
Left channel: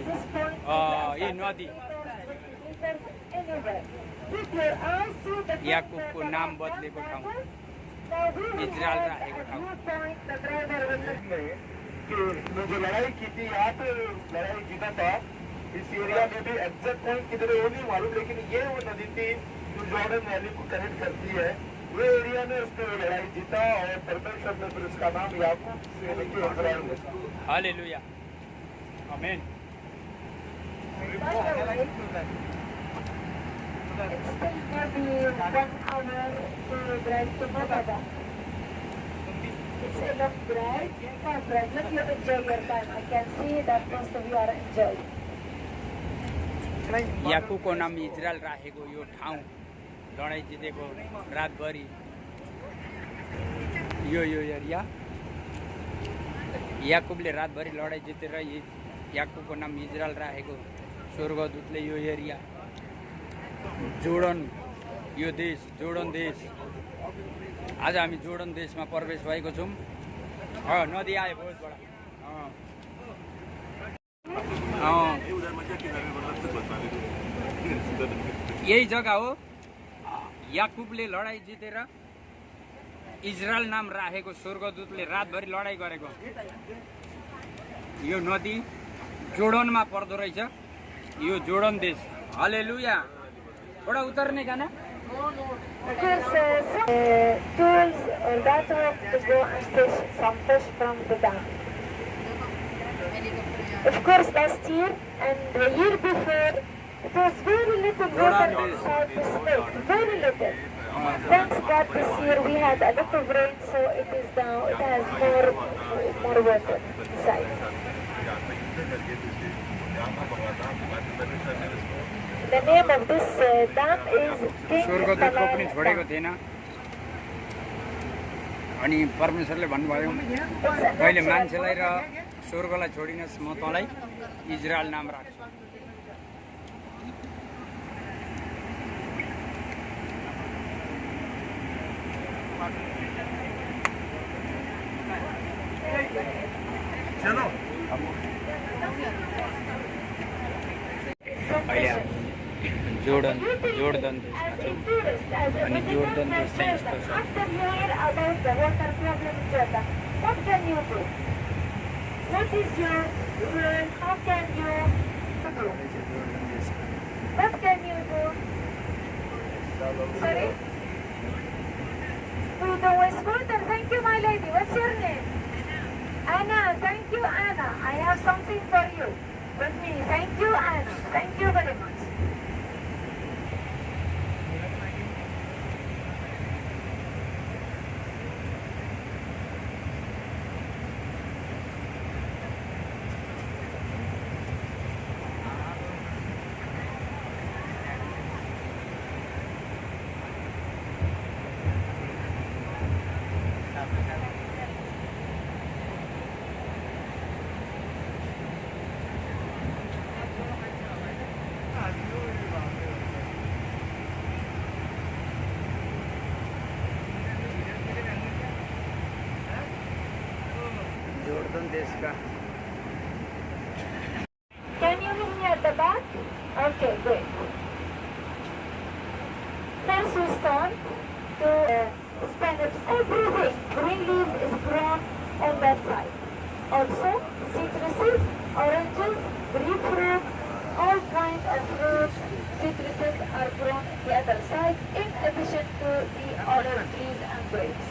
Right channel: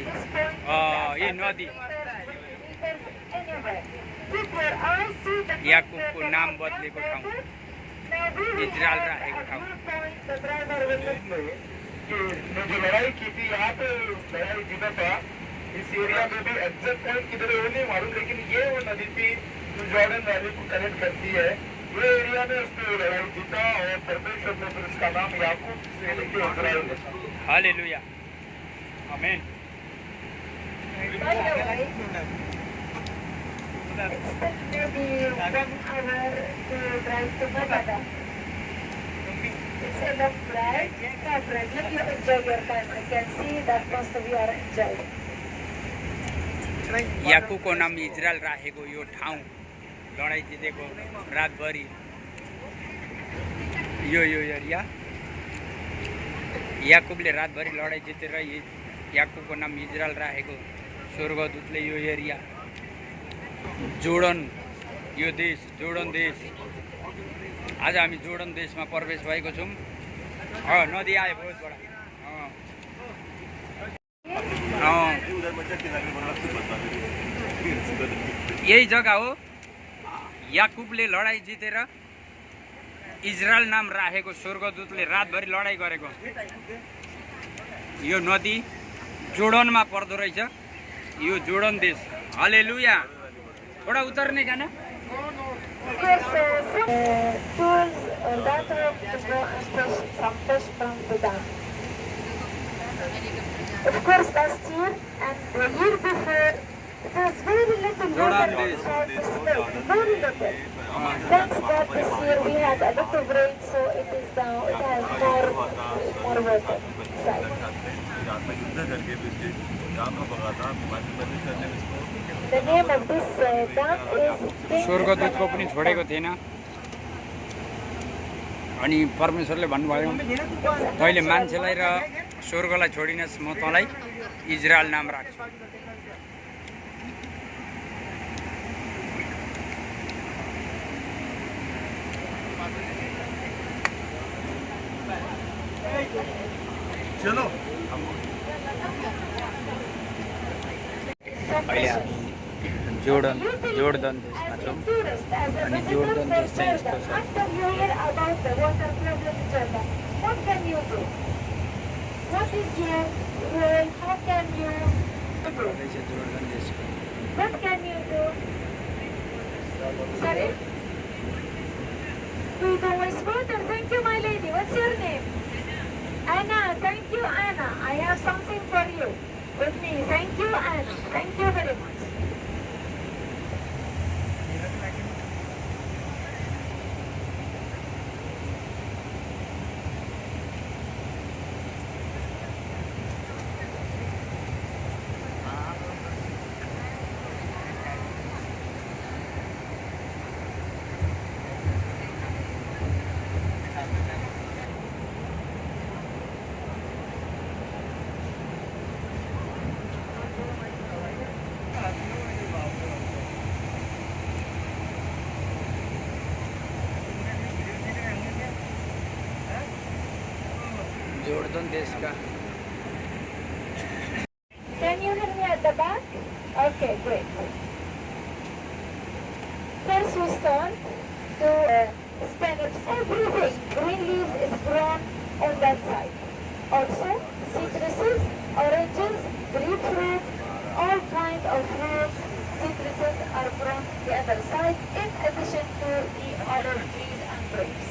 यो नदी याकूबको नाम बदलेको ठाउँ इजरायल राखेको ठाउँ। जो लड़ाई की थी यहाँ पे लड़ाई जीता था, इस एरिया में भी एग्जैक्ट पॉइंट किधर है वो नहीं मालूम, लेकिन ये वो नदी थी जो जॉर्डन वैली को कनेक्ट करती है। ये एरिया में उसने लड़ाई जीता और परमेश्वर ने फिर उसका नाम याकूब से लेके इजराइल रखा। Hallelujah amen. By the way, it's still maybe 1 hour to drive to Nevada. It's enough drive. No problem. You enjoy your time. I can see that most of you are enjoying. याकूबको नाम Israel राखेको यो ठाउँ लडाइँ जितेको रातभरि यो area याकूबले रातभरि लडाइँ जितेर याकूबको नाम इजरायल राखेको स्वर्गदूतले यो एरिया जोर्डन यो देश जोर्डन देश आज हामी जोर्डन देशमा प्रवेश भएको छौँ। नदी आयो बहुत बडा यही जग्गा हो याकुबले लडाइँ जितेर इजरायल नाम राखेको स्वर्गदूतले रातभरि लडाइँ गरेको यो नदी जोर्डनमा पर्दो रहेछ यो जोर्डन देश हालेलुया थोडा उतर्ने गाना Of course, tools or data to go and fish some fish from the dam. Of course, last year and the year before, it was very little water inside this lake, very little. Thanks God, this year we had a lot of rain, so it is now it has more water inside. The name of this dam is स्वर्गदूतको पनि छोडेको थिएन अनि परमेश्वरले भन्नुभयो तैँले मान्छेलाई र स्वर्गलाई छोडिनस् म तँलाई इजरायल नाम राख्छु अहिले जोर्डन देशमा छौँ अनि जोर्डन देश चाहिँ यस्तो छ After you hear about the water problem in Jordan, what can you do? What is your role? How can you do? रहेछ जोर्डन देशको What can you do? Sorry? We do waste water. Thank you, my lady. What's your name? Anna. Thank you, Anna. I have something for you with me. Thank you, Anna. Thank you very much. Jordan देश का Can you hear me at the back? Okay, great. First we start to spinach. Everything. Green leaves is grown on that side. Also, citruses, oranges, grapefruit, all kinds of fruits, citruses are grown on the other side in addition to the olive trees and grapes.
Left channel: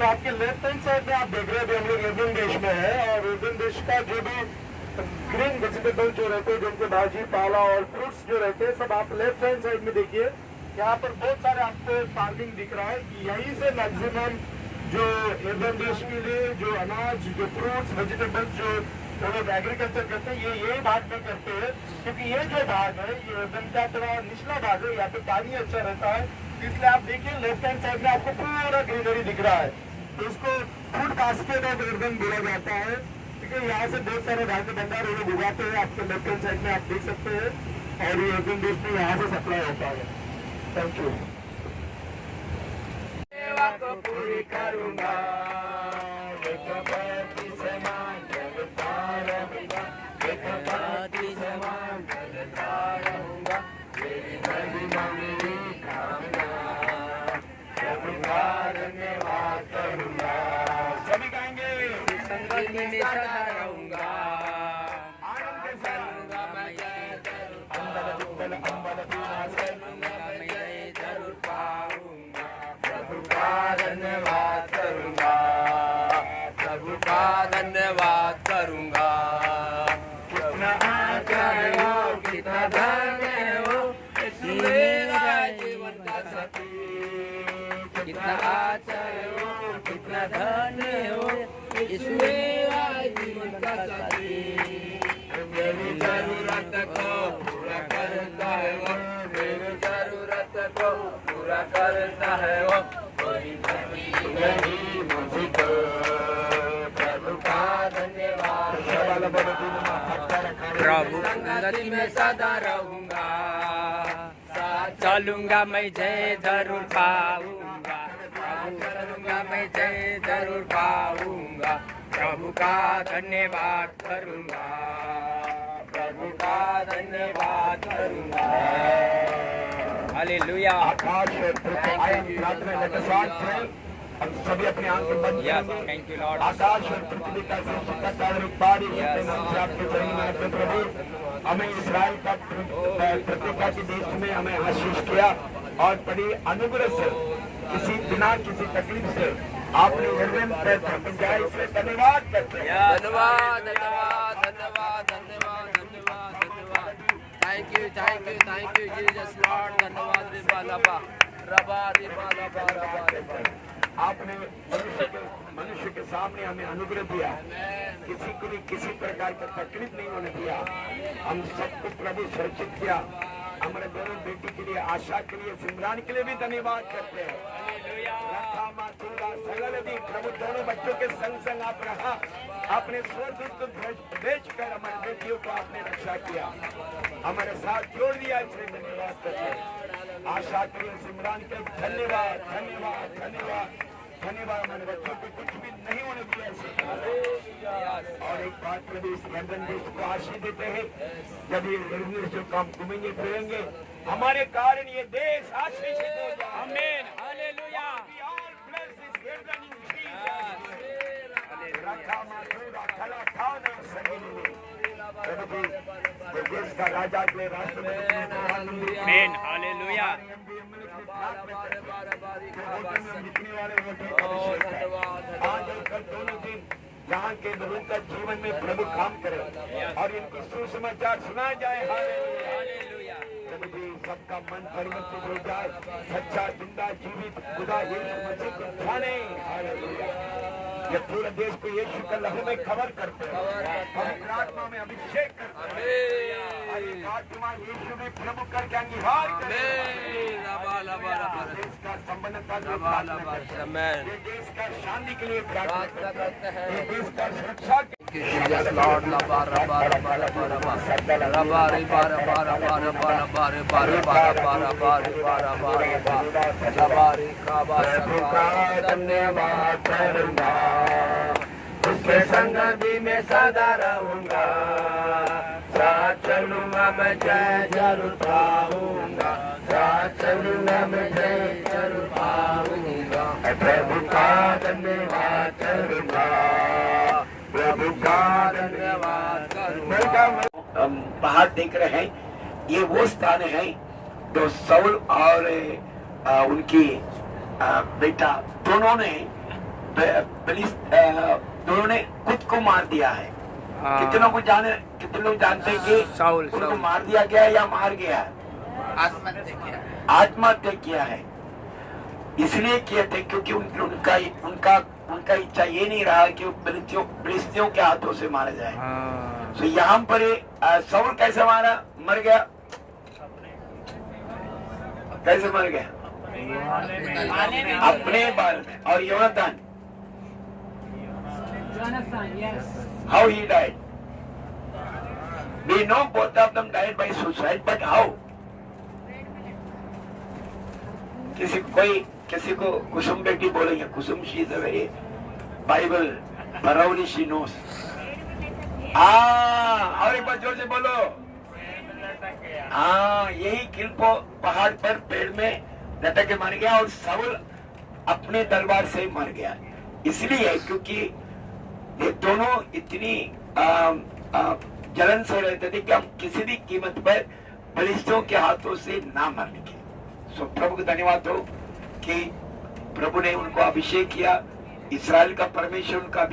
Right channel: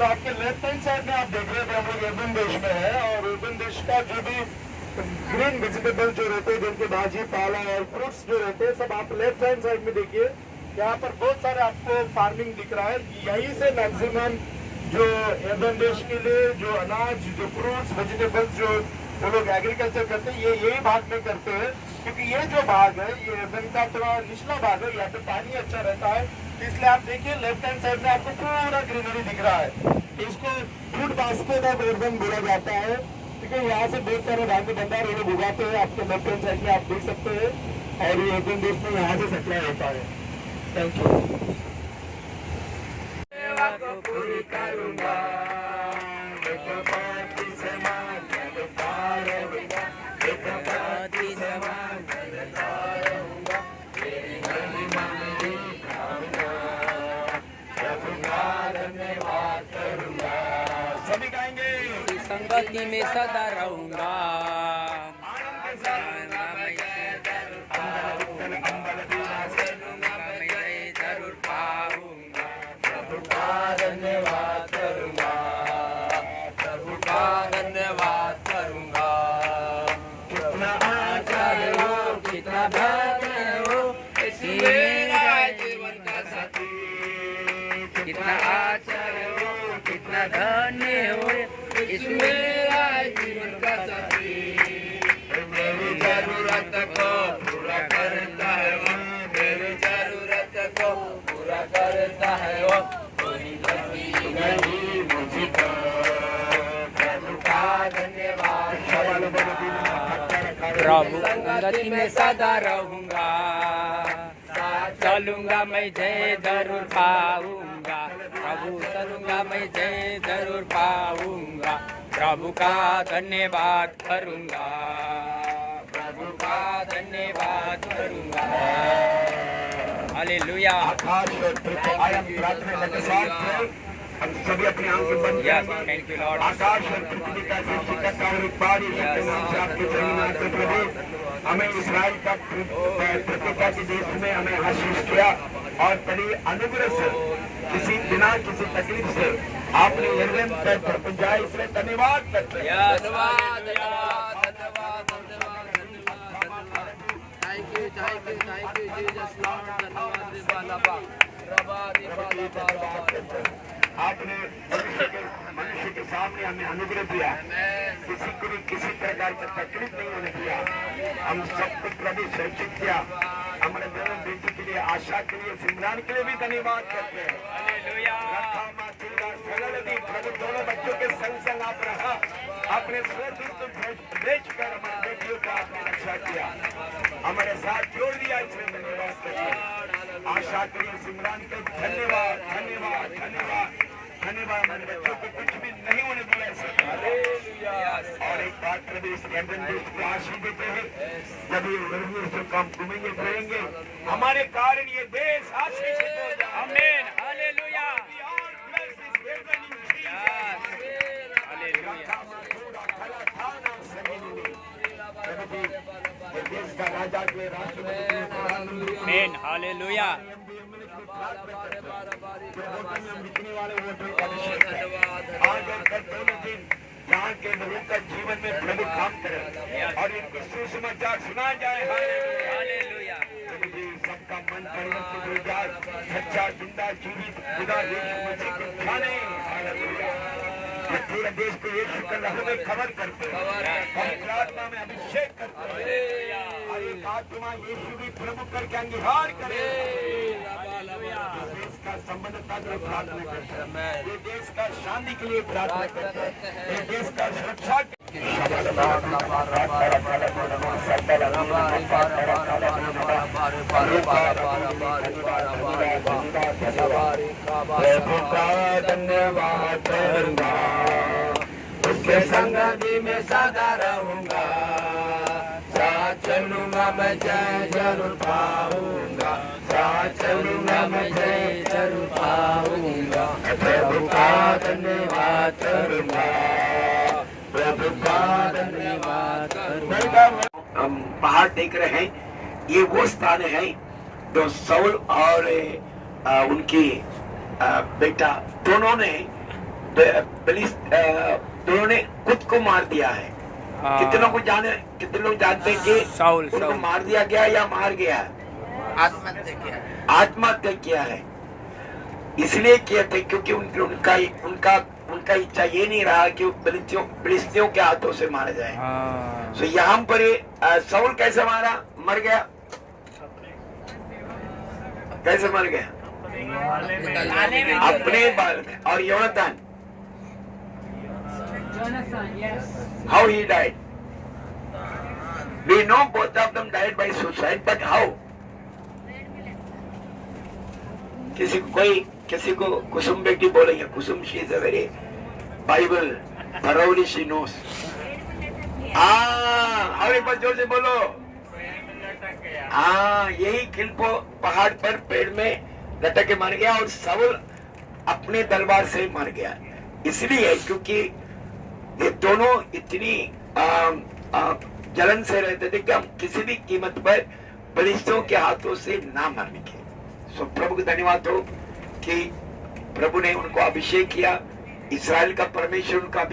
तो आपके left hand side में आप देख रहे थे हम लोग एर्बन देश में है और एर्बन देश का जो भी ग्रीन वेजिटेबल जो रहते हैं जिनके भाजी पाला और फ्रूट्स जो रहते हैं सब आप लेफ्ट हैंड साइड में देखिए यहाँ पर बहुत सारे आपको फार्मिंग दिख रहा है यहीं से मैक्सिमम जो एर्बन देश के लिए जो अनाज जो फ्रूट्स वेजिटेबल्स जो लोग एग्रीकल्चर करते हैं ये यही भाग में करते हैं क्योंकि ये जो भाग है ये एर्बन का थोड़ा निचला भाग है यहाँ पे पानी अच्छा रहता है इसलिए आप देखिए लेफ्ट हैंड साइड में आपको पूरा ग्रीनरी दिख रहा है तो इसको फूड बास्केट ऑफ एर्बन बोला जाता है ठीक है यहाँ से बहुत सारे धान्य भंडार उन्हें भिजाते हैं आपके लेफ्ट हैंड साइड में आप देख सकते हैं और ये एर्बन देश में यहाँ से सप्लाई होता है थैंक यू सभी गाएंगे संगति में सदा रहूंगा जरूर पाऊंगा प्रभु का धन्यवाद करूंगा प्रभु का धन्यवाद करूंगा कितना आचार्य हो कितना भाग्य हो मेरा जीवन का साथी कितना आचार्य हो कितना धन्य हो मेरा जीवन का साथी मेरी जरूरत को पूरा करता है वो मेरी जरूरत को पूरा करता है वो कोई कमी नहीं मुझको प्रभु का धन्यवाद प्रभु संगति में सदा रहूंगा चलूंगा मैं जय जरूर पाऊंगा प्रभु प्रभु करूँगा मैं जय जरूर पाऊंगा, प्रभु का धन्यवाद करूँगा, प्रभु का धन्यवाद करूँगा। हालेलुया। हम सभी अपने आंखें बंद Yes, thank you, Lord. आकाश और पृथ्वी का सृष्टिकर्ता और उत्पादी आपके चरणों में आते प्रभु, हमें इस्राएल का प्रतिज्ञा के देश में हमें आशीष किया और बड़ी अनुग्रह से किसी बिना किसी तकलीफ से आपने यरदन पर पहुंचाया, इसलिए धन्यवाद करते हैं। Yes, Thank you, Jesus Lord. आपने मनुष्य के सामने हमें अनुग्रह दिया, किसी को भी किसी प्रकार की तकलीफ नहीं होने दिया, हम सबको प्रभु सुरक्षित किया। हमारे दोनों बेटी के लिए, आशा के लिए, सिमरान के लिए भी धन्यवाद करते हैं। प्रभु दोनों बच्चों के संग संग आप रहा, अपने स्वदूत भेजकर हमारे बेटियों का आपने रक्षा किया, हमारे साथ जोड़ दिया, इसलिए धन्यवाद करते हैं। आशा के लिए, सिमरान के धन्यवाद धन्यवाद धन्यवाद धन्यवाद। हमारे बच्चों को कुछ भी नहीं होने दिया ऐसे। और एक बात प्रभु इस यरदन देश को आशीष देते हैं, जब ये गर्मियों से कम घूमेंगे फिरेंगे, हमारे कारण ये देश आशीषित हो जाए। आमीन, हालेलुया। देश का राजा के राष्ट्रपति, आमीन, हालेलुया। आज और कल दोनों दिन यहाँ के लोगों का जीवन में प्रभु काम करे और इनको सुसमाचार सुना जाए। हालेलुया। प्रभु जी सबका मन परिवर्तित हो जाए, सच्चा जिंदा जीवित खुदा यीशु मसीह के खाने। हालेलुया। ये पूरे देश को यीशु के लहू में खबर करते हैं, पवित्र आत्मा में अभिषेक करते हैं, और एक आत्मा यीशु भी प्रभु करके अंगीकार करे। देश का संबंधता के लिए प्रार्थना करते हैं, ये देश का शांति के लिए प्रार्थना करते हैं, ये देश का सुरक्षा के धन्यवाद करूंगा, उसके संग भी मैं सदा रहूंगा, साथ चलूंगा मैं जय जरूर पाऊंगा, साथ चलूंगा मैं जय जरूर पाऊंगा, प्रभु का धन्यवाद करूंगा, प्रभु का धन्यवाद करूंगा। हम पहाड़ देख रहे हैं, ये वो स्थान है जो साउल और उनकी बेटा दोनों ने खुद को मार दिया है। कितनों को कितने लोग जानते हैं कि साउल उनको मार दिया गया या मार गया? आत्महत्या किया है। इसलिए किया थे क्योंकि उनका इच्छा ये नहीं रहा कि फिलिस्तियों के हाथों से मारा जाए। तो यहाँ पर साउल कैसे मर गया? कैसे मर गया? अपने बाल में। और Yonatan, how he died? We know both of them died by suicide, but how? किसी को कुसुम बेटी बोलेंगे, कुसुम she is a very Bible thoroughly she knows. और एक बार जोर से बोलो। यही किल्पो पहाड़ पर पेड़ में लटक के मर गया और साउल अपने तलवार से मर गया। इसलिए क्योंकि ये दोनों इतनी जलन से रहते थे कि हम किसी भी कीमत पर फिलिस्तियों के हाथों से ना मरने के। सो प्रभु को धन्यवाद हो कि प्रभु ने उनको अभिषेक किया, इस्राएल का परमेश्वर उनका